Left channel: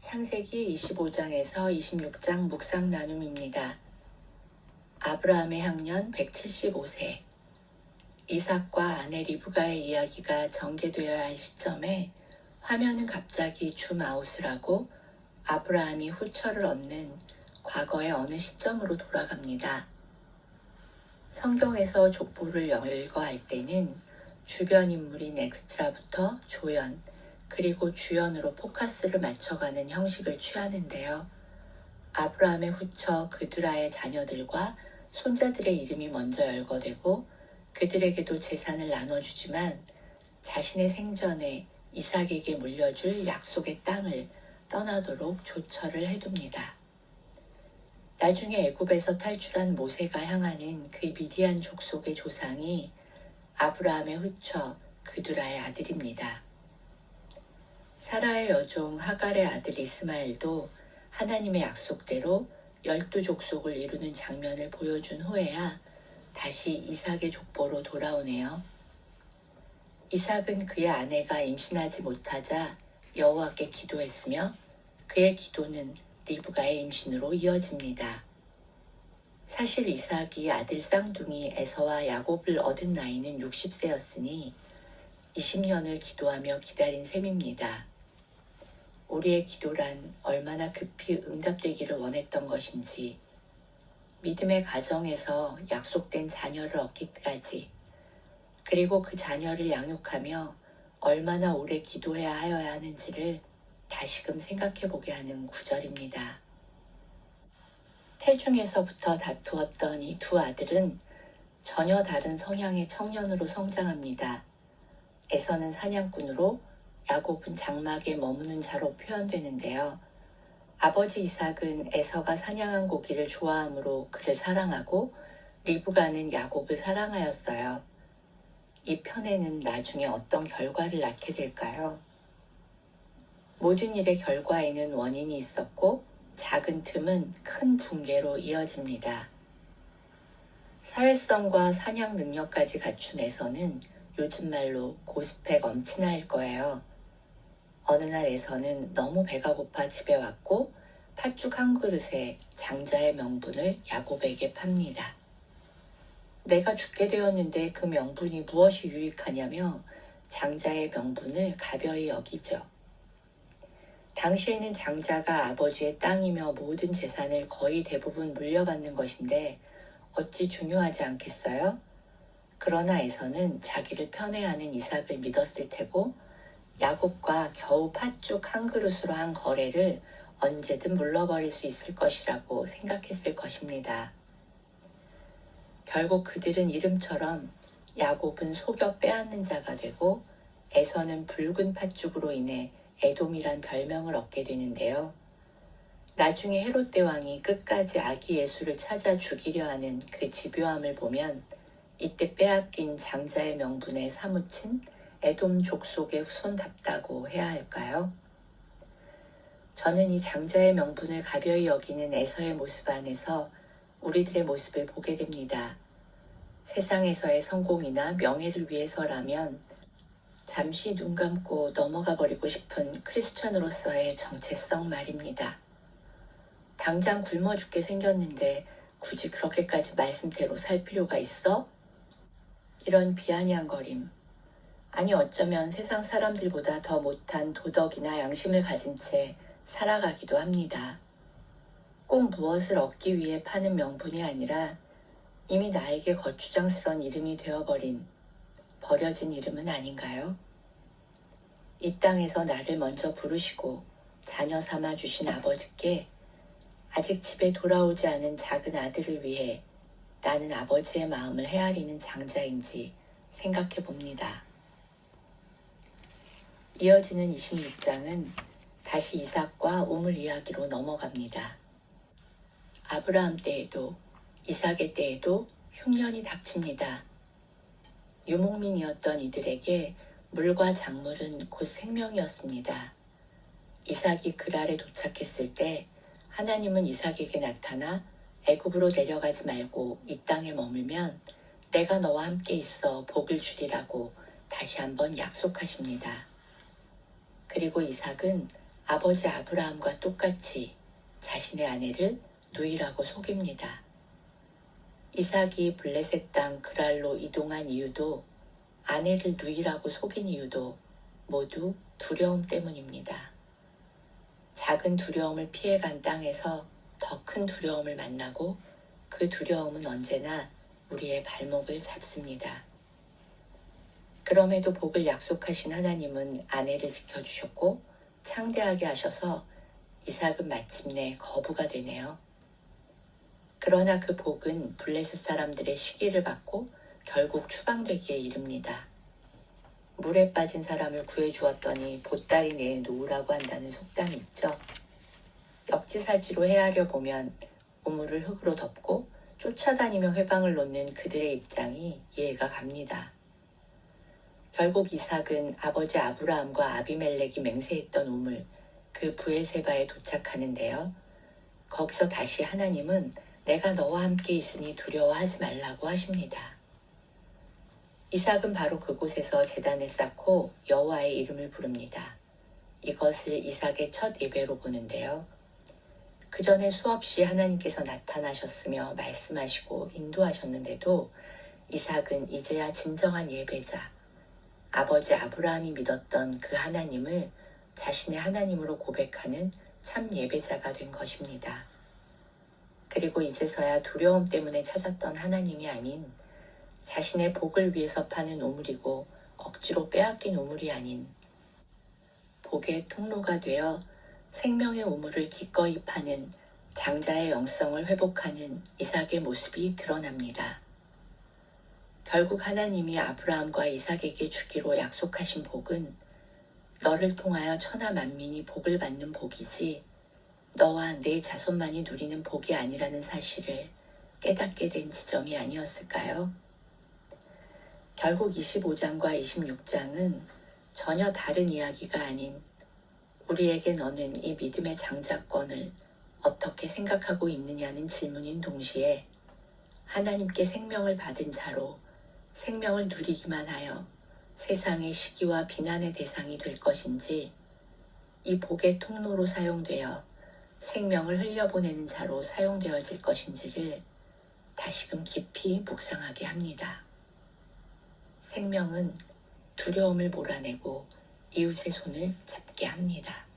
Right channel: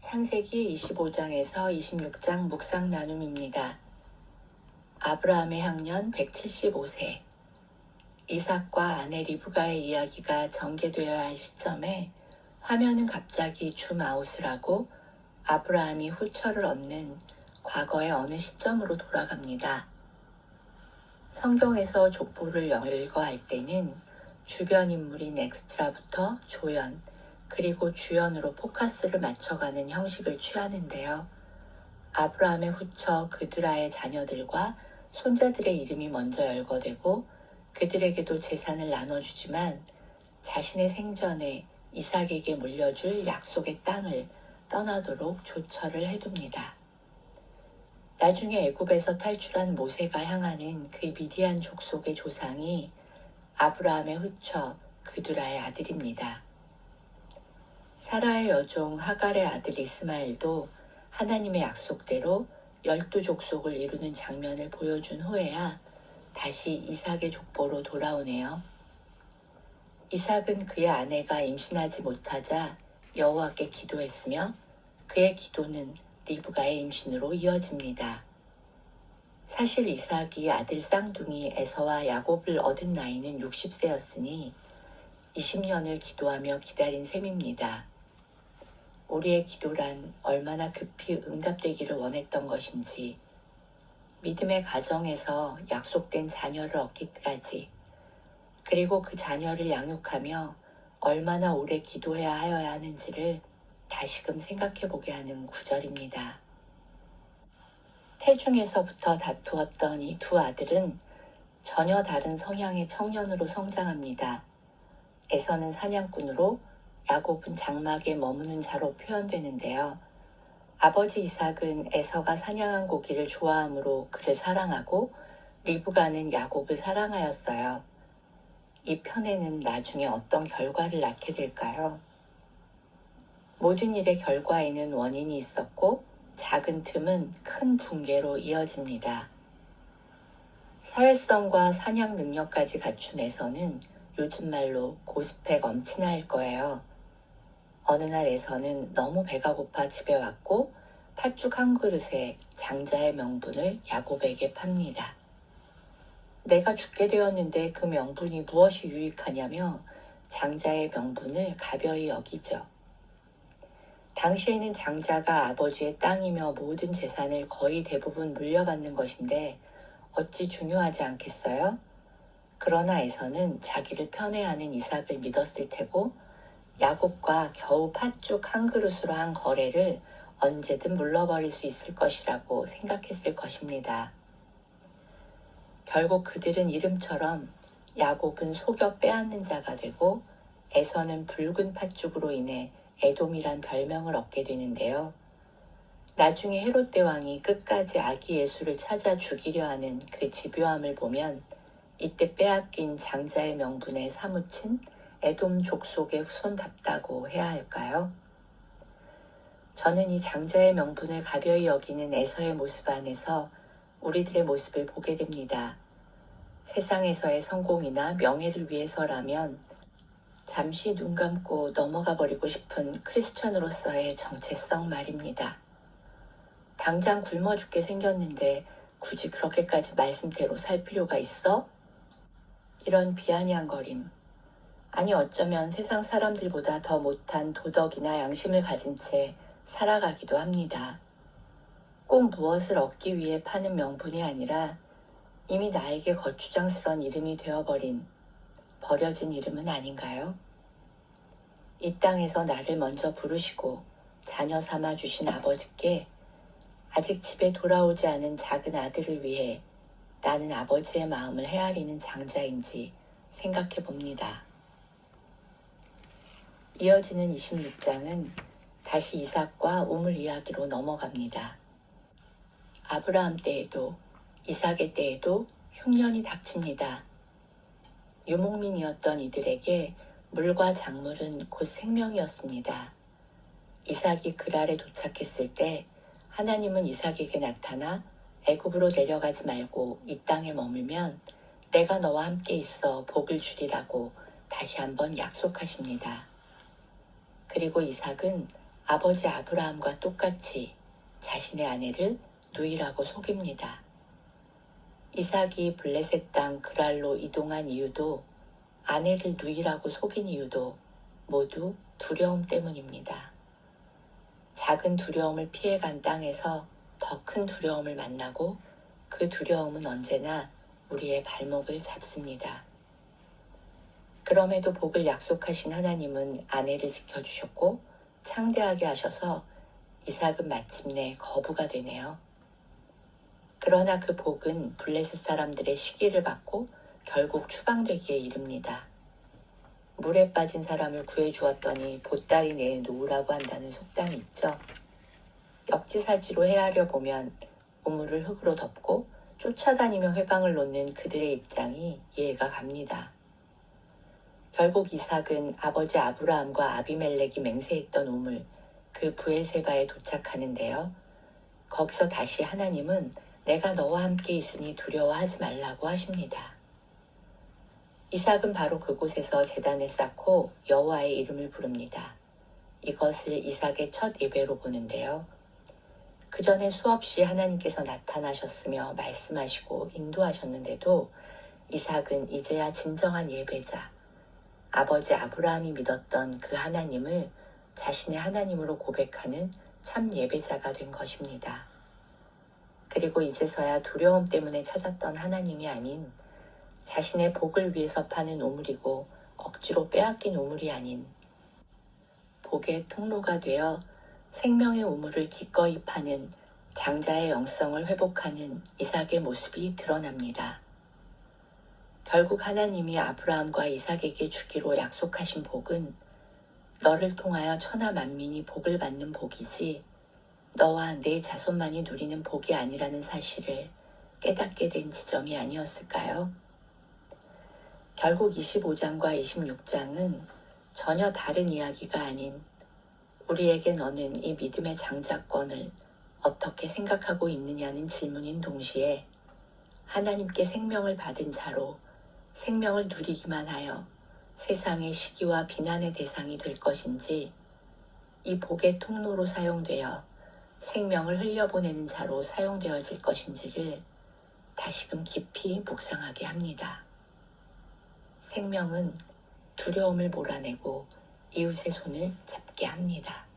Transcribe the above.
창세기 25장에서 26장 묵상 나눔입니다. 아브라함의 향년 175세. 이삭과 아내 리브가의 이야기가 전개되어야 할 시점에 화면은 갑자기 줌아웃을 하고 아브라함이 후처를 얻는 과거의 어느 시점으로 돌아갑니다. 성경에서 족보를 열거할 때는 주변 인물인 엑스트라부터 조연, 그리고 주연으로 포커스를 맞춰가는 형식을 취하는데요. 아브라함의 후처 그드라의 자녀들과 손자들의 이름이 먼저 열거되고 그들에게도 재산을 나눠주지만 자신의 생전에 이삭에게 물려줄 약속의 땅을 떠나도록 조처를 해둡니다. 나중에 애굽에서 탈출한 모세가 향하는 그 미디안 족속의 조상이 아브라함의 후처 그드라의 아들입니다. 사라의 여종 하갈의 아들 이스마엘도 하나님의 약속대로 12족속을 이루는 장면을 보여준 후에야 다시 이삭의 족보로 돌아오네요. 이삭은 그의 아내가 임신하지 못하자 여호와께 기도했으며 그의 기도는 리브가의 임신으로 이어집니다. 사실 이삭이 아들 쌍둥이 에서와 야곱을 얻은 나이는 60세였으니 20년을 기도하며 기다린 셈입니다. 우리의 기도란 얼마나 급히 응답되기를 원했던 것인지, 믿음의 가정에서 약속된 자녀를 얻기까지, 그리고 그 자녀를 양육하며 얼마나 오래 기도해야 하여야 하는지를 다시금 생각해보게 하는 구절입니다. 태중에서부터 다투었던 이 두 아들은 전혀 다른 성향의 청년으로 성장합니다. 에서는 사냥꾼으로, 야곱은 장막에 머무는 자로 표현되는데요. 아버지 이삭은 에서가 사냥한 고기를 좋아하므로 그를 사랑하고 리브가는 야곱을 사랑하였어요. 이 편에는 나중에 어떤 결과를 낳게 될까요? 모든 일의 결과에는 원인이 있었고 작은 틈은 큰 붕괴로 이어집니다. 사회성과 사냥 능력까지 갖춘 에서는 요즘 말로 고스펙 엄친아일 거예요. 어느 날 에서는 너무 배가 고파 집에 왔고 팥죽 한 그릇에 장자의 명분을 야곱에게 팝니다. 내가 죽게 되었는데 그 명분이 무엇이 유익하냐며 장자의 명분을 가벼이 여기죠. 당시에는 장자가 아버지의 땅이며 모든 재산을 거의 대부분 물려받는 것인데 어찌 중요하지 않겠어요? 그러나 에서는 자기를 편애하는 이삭을 믿었을 테고 야곱과 겨우 팥죽 한 그릇으로 한 거래를 언제든 물러버릴 수 있을 것이라고 생각했을 것입니다. 결국 그들은 이름처럼 야곱은 속여 빼앗는 자가 되고 에서는 붉은 팥죽으로 인해 에돔이란 별명을 얻게 되는데요. 나중에 헤롯 대왕이 끝까지 아기 예수를 찾아 죽이려 하는 그 집요함을 보면 이때 빼앗긴 장자의 명분에 사무친 에돔 족속의 후손답다고 해야 할까요? 저는 이 장자의 명분을 가벼이 여기는 에서의 모습 안에서 우리들의 모습을 보게 됩니다. 세상에서의 성공이나 명예를 위해서라면 잠시 눈 감고 넘어가 버리고 싶은 크리스천으로서의 정체성 말입니다. 당장 굶어 죽게 생겼는데 굳이 그렇게까지 말씀대로 살 필요가 있어? 이런 비아냥거림. 아니 어쩌면 세상 사람들보다 더 못한 도덕이나 양심을 가진 채 살아가기도 합니다. 꼭 무엇을 얻기 위해 파는 명분이 아니라 이미 나에게 거추장스러운 이름이 되어버린 버려진 이름은 아닌가요? 이 땅에서 나를 먼저 부르시고 자녀 삼아 주신 아버지께 아직 집에 돌아오지 않은 작은 아들을 위해 나는 아버지의 마음을 헤아리는 장자인지 생각해 봅니다. 이어지는 26장은 다시 이삭과 우물 이야기로 넘어갑니다. 아브라함 때에도 이삭의 때에도 흉년이 닥칩니다. 유목민이었던 이들에게 물과 작물은 곧 생명이었습니다. 이삭이 그랄에 도착했을 때 하나님은 이삭에게 나타나 애굽으로 내려가지 말고 이 땅에 머물면 내가 너와 함께 있어 복을 주리라고 다시 한번 약속하십니다. 그리고 이삭은 아버지 아브라함과 똑같이 자신의 아내를 누이라고 속입니다. 이삭이 블레셋 땅 그랄로 이동한 이유도 아내를 누이라고 속인 이유도 모두 두려움 때문입니다. 작은 두려움을 피해간 땅에서 더 큰 두려움을 만나고 그 두려움은 언제나 우리의 발목을 잡습니다. 그럼에도 복을 약속하신 하나님은 아내를 지켜주셨고 창대하게 하셔서 이삭은 마침내 거부가 되네요. 그러나 그 복은 블레셋 사람들의 시기를 받고 결국 추방되기에 이릅니다. 물에 빠진 사람을 구해주었더니 보따리 내에 놓으라고 한다는 속담이 있죠. 역지사지로 헤아려 보면 우물을 흙으로 덮고 쫓아다니며 회방을 놓는 그들의 입장이 이해가 갑니다. 결국 이삭은 아버지 아브라함과 아비멜렉이 맹세했던 우물, 그 브엘세바에 도착하는데요. 거기서 다시 하나님은 내가 너와 함께 있으니 두려워하지 말라고 하십니다. 이삭은 바로 그곳에서 제단을 쌓고 여호와의 이름을 부릅니다. 이것을 이삭의 첫 예배로 보는데요. 그 전에 수없이 하나님께서 나타나셨으며 말씀하시고 인도하셨는데도 이삭은 이제야 진정한 예배자, 아버지 아브라함이 믿었던 그 하나님을 자신의 하나님으로 고백하는 참 예배자가 된 것입니다. 그리고 이제서야 두려움 때문에 찾았던 하나님이 아닌 자신의 복을 위해서 파는 우물이고 억지로 빼앗긴 우물이 아닌 복의 통로가 되어 생명의 우물을 기꺼이 파는 장자의 영성을 회복하는 이삭의 모습이 드러납니다. 결국 하나님이 아브라함과 이삭에게 주기로 약속하신 복은 너를 통하여 천하 만민이 복을 받는 복이지 너와 내 자손만이 누리는 복이 아니라는 사실을 깨닫게 된 지점이 아니었을까요? 결국 25장과 26장은 전혀 다른 이야기가 아닌 우리에게 너는 이 믿음의 장자권을 어떻게 생각하고 있느냐는 질문인 동시에 하나님께 생명을 받은 자로 생명을 누리기만 하여 세상의 시기와 비난의 대상이 될 것인지 이 복의 통로로 사용되어 생명을 흘려보내는 자로 사용되어질 것인지를 다시금 깊이 묵상하게 합니다. 생명은 두려움을 몰아내고 이웃의 손을 잡게 합니다.